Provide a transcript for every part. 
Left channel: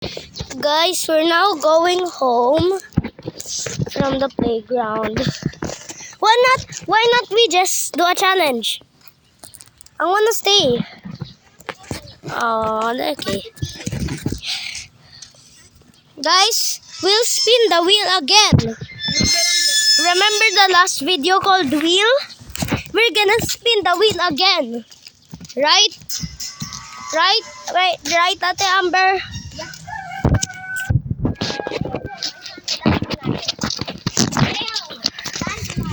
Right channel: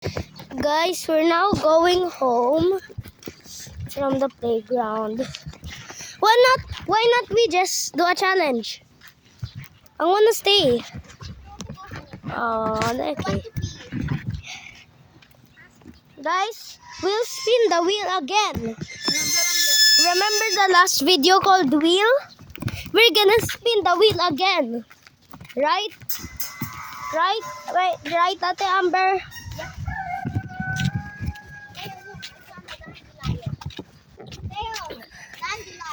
Guys, we're now going home from the playground. Why not we just do a challenge? I wanna stay. Oh, okay. Guys, we'll spin the wheel again. Remember the last video called wheel? We're gonna spin the wheel again. Right? Right, Ate Amber?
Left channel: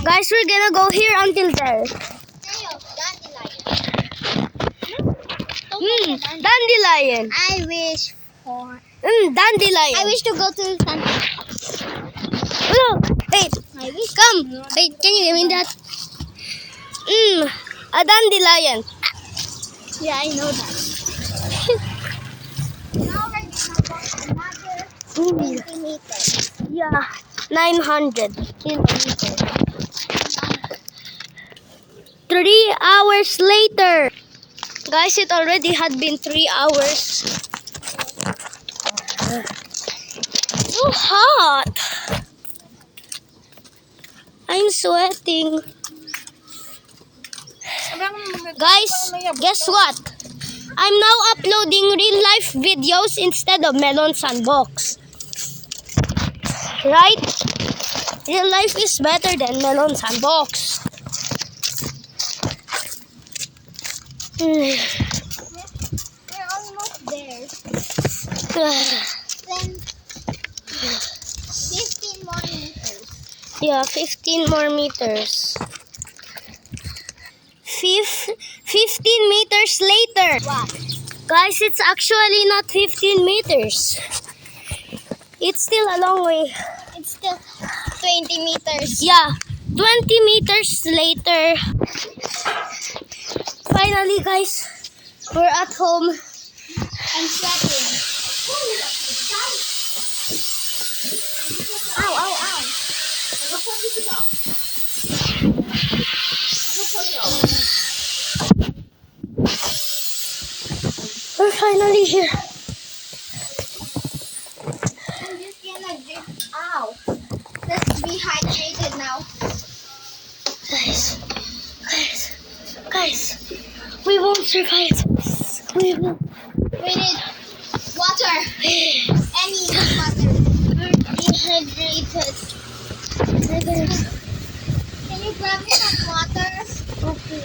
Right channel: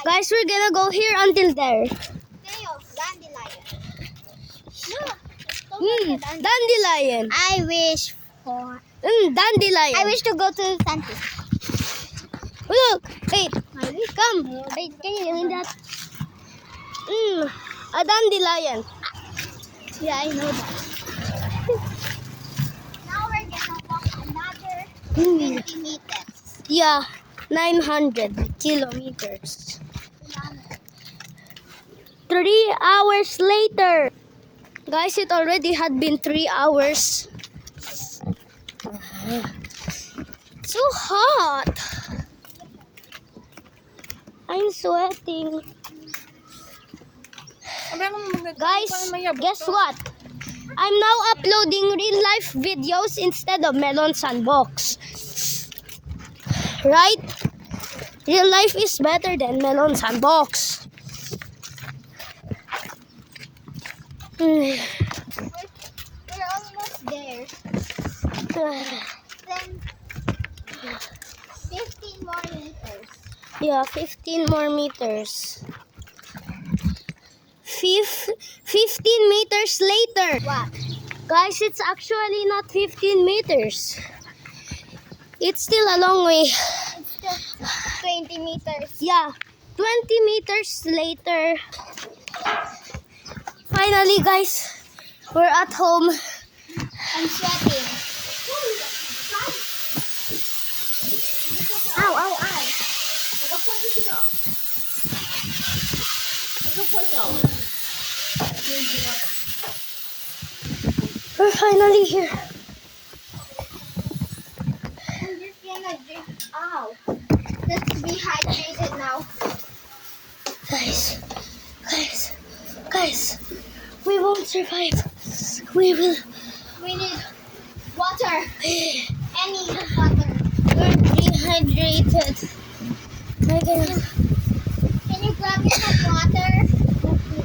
Guys, we're gonna go here until there. Dandelion. I wish for. Dandelion. I wish to go to Santa. Look, wait, I wish. come. Wait, can you give me that? A dandelion. Yeah, I know that. Now we're gonna walk another 20 meters. Yeah, 900 kilometers. 3 hours later. Guys, it already had been 3 hours. So hot. I'm sweating. Guys, guess what? I'm now uploading real life videos instead of Melon Sandbox. Right? Real life is better than Melon Sandbox. We're almost there. Then 15 more meters. Yeah, 15 more meters. 15 meters later. What? Guys, it's actually not 15 meters. It's still a long way. It's still 20 meters. Yeah, 20 meters later. Finally, guys, we're at home. I'm sweating. Ow, ow, ow. We're finally here. I'm just gonna drink. Ow. Let's be hydrated now. Guys, we won't survive. We will. We need water. Any water. We're dehydrated. We're gonna. Can you grab me some water? Okay.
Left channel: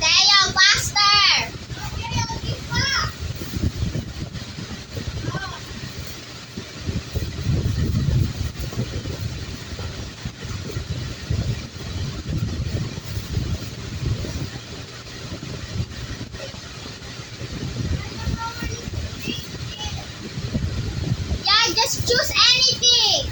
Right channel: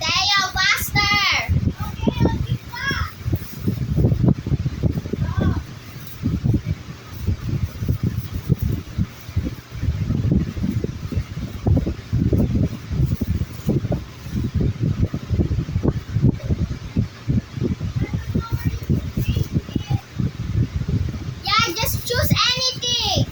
Tayo, faster! Yeah, just choose anything.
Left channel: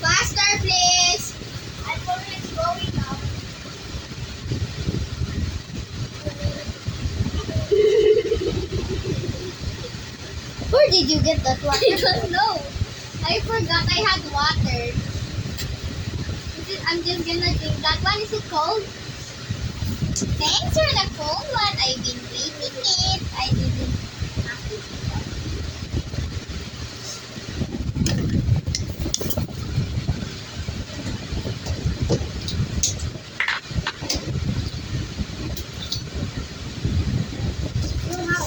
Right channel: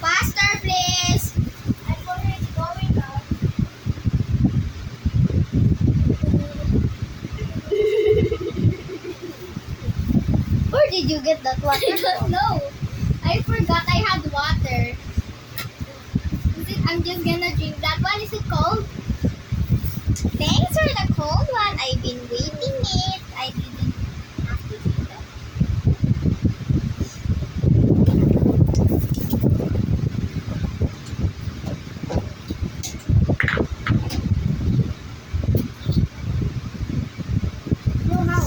Faster, please. I'm already going up. Where did you get that water? I don't know. I forgot I had water. I'm just gonna drink that one. Is it cold? Thanks for the cold one. I've been waiting it. I didn't have to do that. No, how?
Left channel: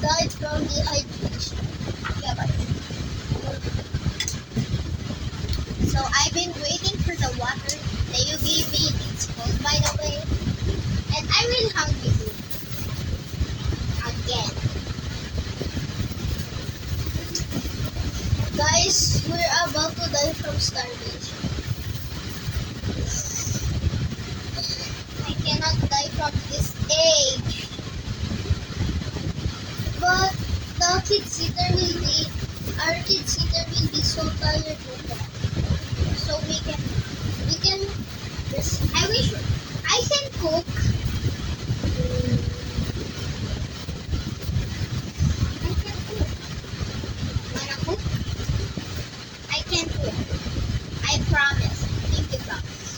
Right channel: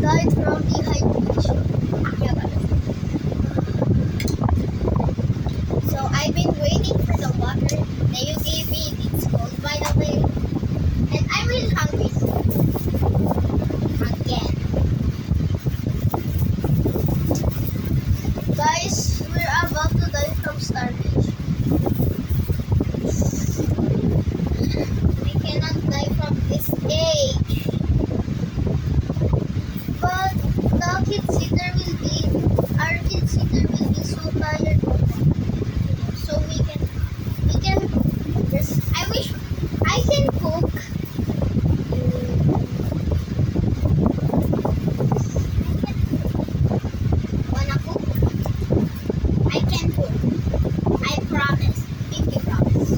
died from dehydration. Yeah, but so I've been waiting for the water that you gave me. It's cold, by the way, and I'm really hungry again. Guys, we're about to die from starvation. I cannot die from this age. But the kid sitter will be, our kid sitter will be so tired of that. So we can, I wish I can cook. I can cook. Wanna cook? I can cook. I promise. Pinky promise.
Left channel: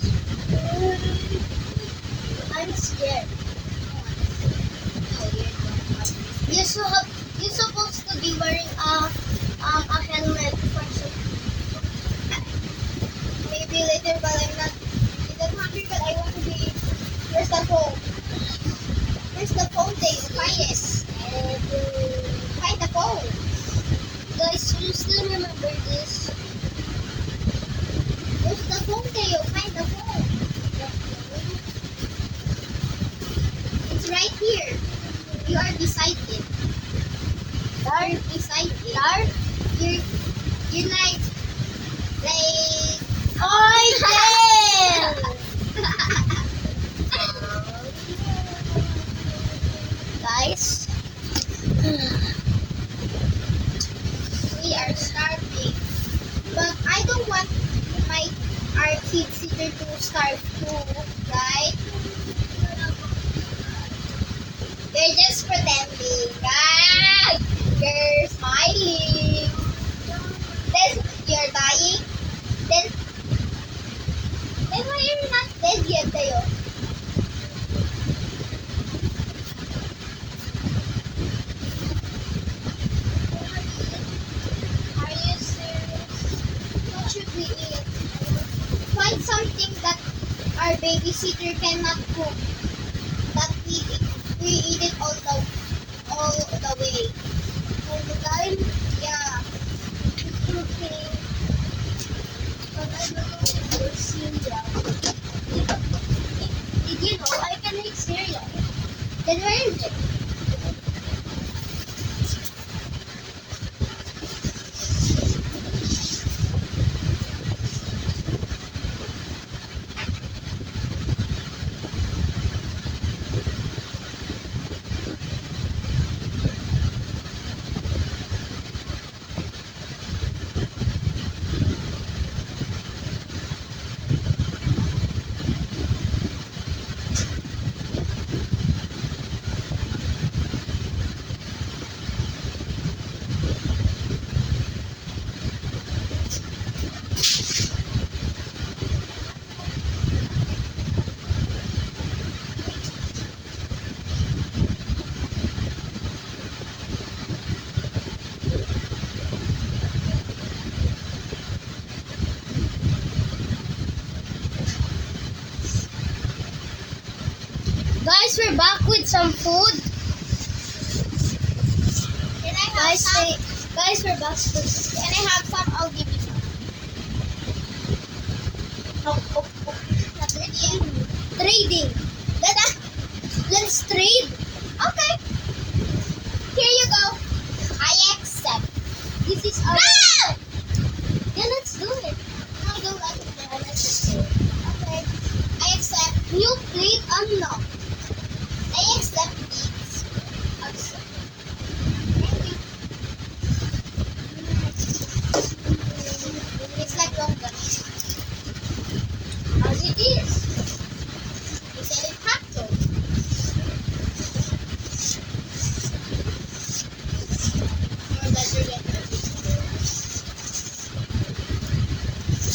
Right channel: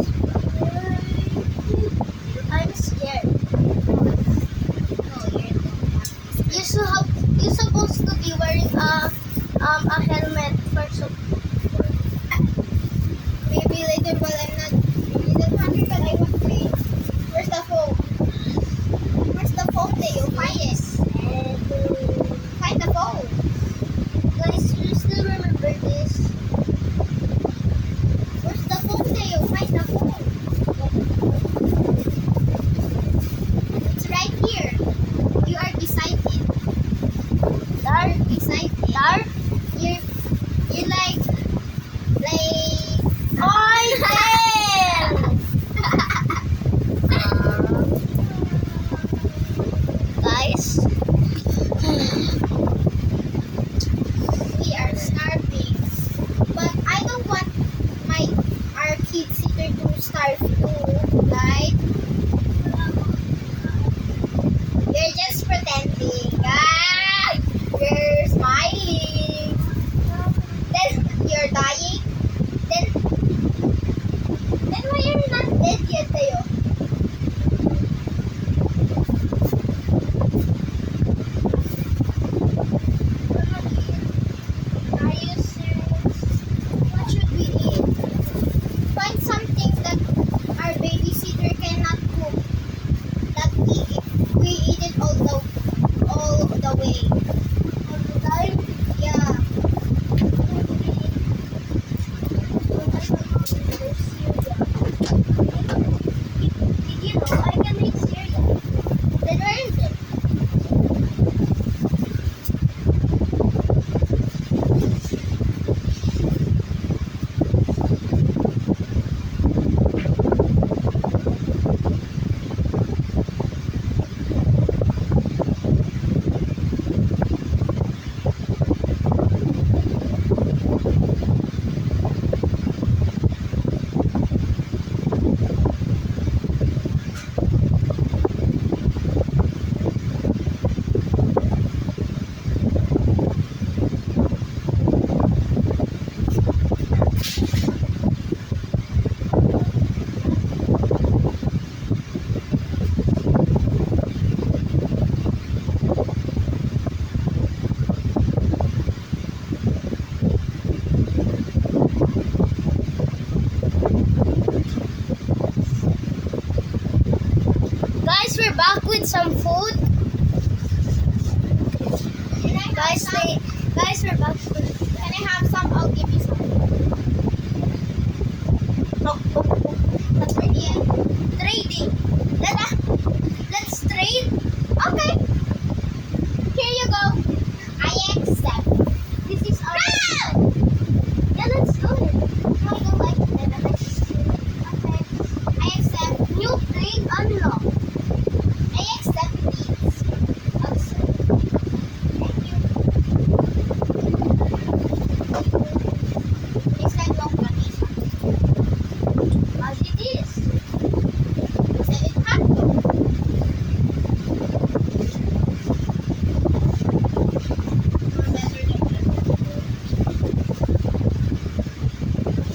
I'm scared. No, you're supposed to be wearing a helmet for support. Maybe later, but I'm not hungry, but I want to be. Where's the phone? Where's the phone, Teo? Find it. Find the phone. Guys, you still remember this? Where's the phone, Teo? Find the phone. It's right here. You are beside it. Dark beside it. Dark? You're like I can. Guys, we are starving, but I don't want our kid sitter to starve too, right? You're just pretending. Ah, you're smiling. Then you're dying. Then why are you not dead yet, Tayo? Are you serious? What should we eat? Find something that our babysitter cannot cook. That we eat it all the way. All the time? Yeah. Okay. Did you know I can make cereal? Then where is it? Guys, we're back with some food. Guys, we're back with. Can I have some? I'll give you some. Not ready yet. Trading. Let's trade. Okay. Here you go. I accept. This is our. No! Yeah, let's do it. No, I don't like it. Then let's just do it. Okay. I accept. New plate unlocked. I accept these. Accept. Thank you. It's like long one. As it is. You said it had to. You're better than me.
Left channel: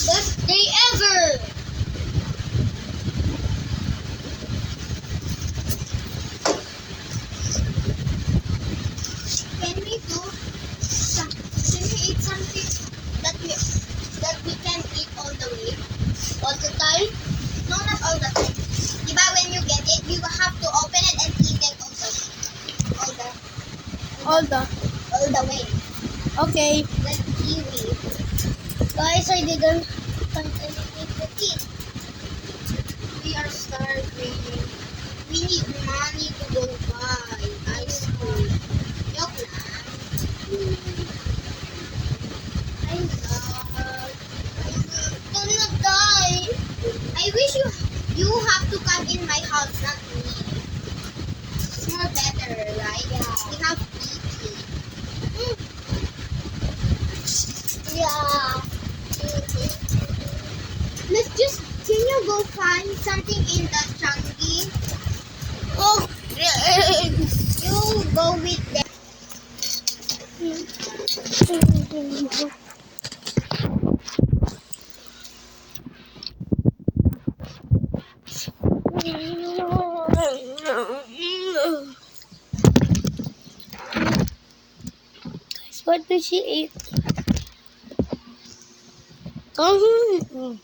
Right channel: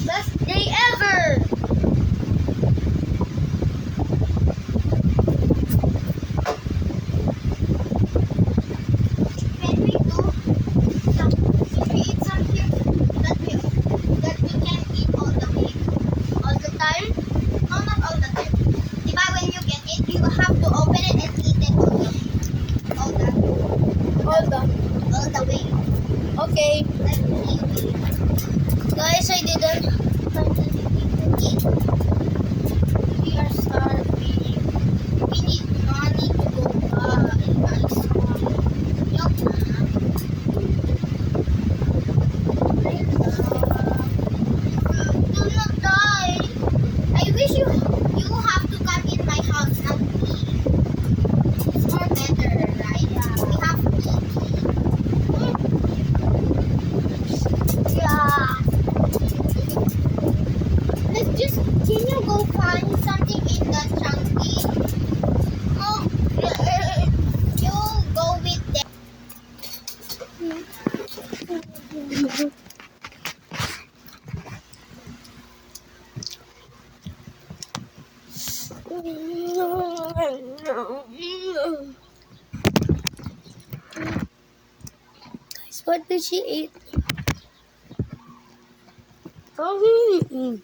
Best day ever! Can we eat something that we can eat all the way? All the time? No, not all the time. Diba when you get it, you have to open it and eat it all the Hold on. All the way. Okay. Like kiwi. Guys, I didn't. Find anything to eat. We are starving. We need money to go buy ice cream. Joke lang. I love. Do not die. I wish you have to come in my house, not me. It's more better, right? Yeah. We have to eat. Yeah. Let's just, can you go find something in the chunky? Oh, you go with them. Guys, what did she eat? Mhm.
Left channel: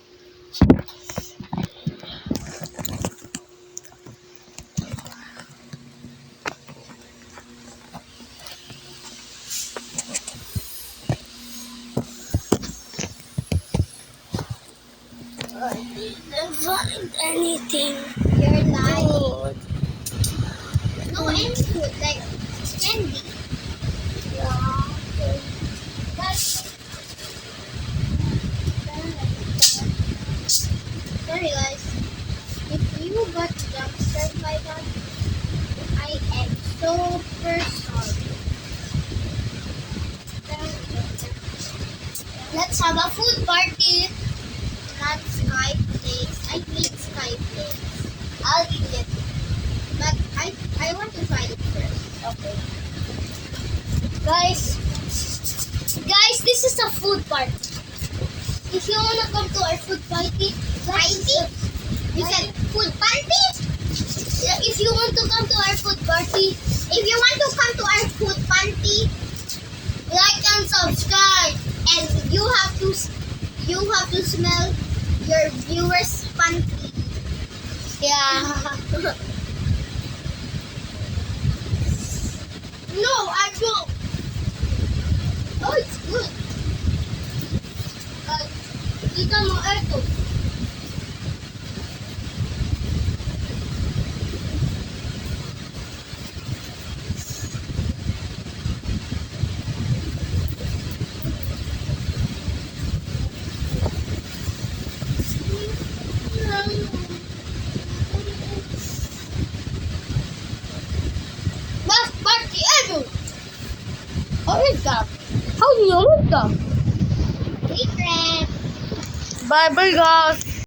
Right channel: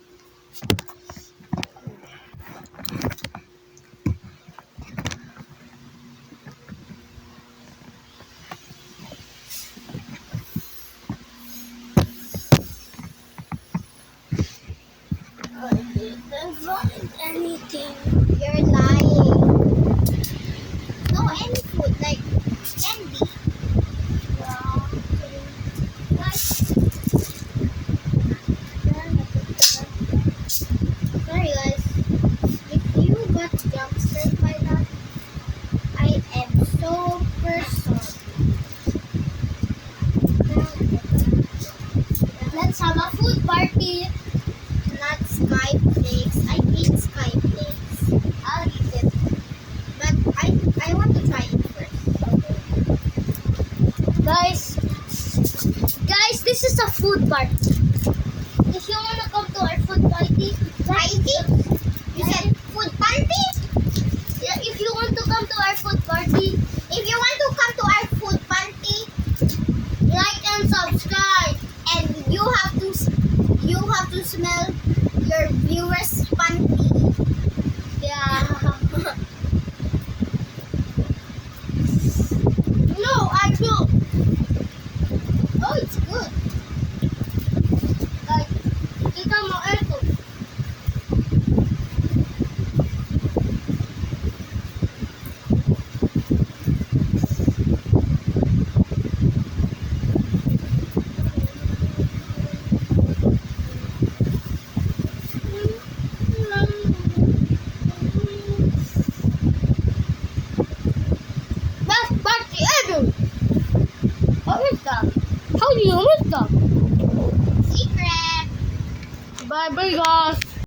I didn't find anything. You're lying. No, any food, like candy. Yeah. Guys. Sorry guys. If you got jump scared by that, I am super sorry. Let's have a food party. Not sky flakes. I hate sky flakes. I'll eat it. But I want to try it first. Okay. Guys, this is a food party. If you wanna come to our food party, you said food party? Yeah, if you want to come to our food party, like and subscribe, and you have to smell your viewers' panty. Yeah. No, I don't. Oh, it's good. Like, kita mo ito. Best party ever. How is that? How do you make them? Secret. Bye bye, guys.